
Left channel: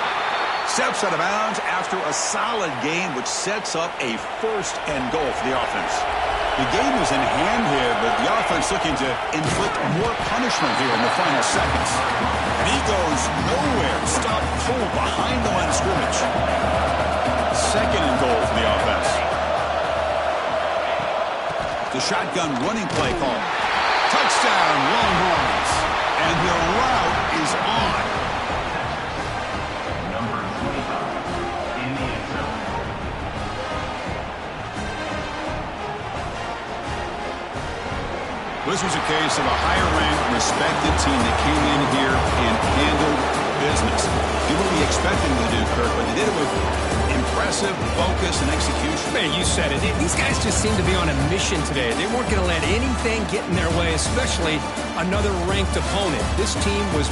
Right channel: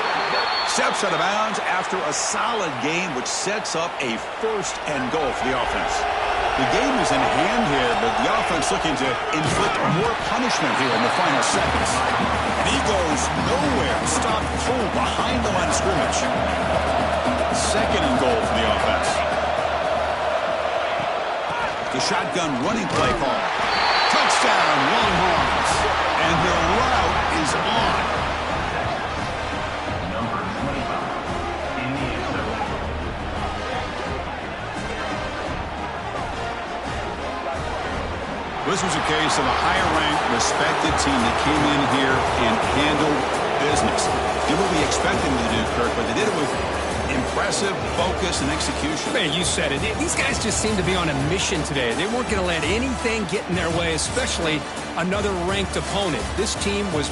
Steps out of bounds after a solid gain, which sets up a 1st and goal for the offense. The game is in hand here, but the offense looking to inflict more punishment here in the final seconds. And he goes nowhere, stopped cold behind the line of scrimmage. 2nd and goal for the offense. The shotgun running play call. Touchdown, Longhorns. And their route is on. Number 25 in the end zone. This was a case of a higher-ranked, respected team that came in here and handled business. Did what we expected them to do, Kirk, but they did it with impressive focus and execution. Man, you said it. These guys just seem to be on a mission today. They weren't going to let anything get in their way, especially another ranked opponent. This team was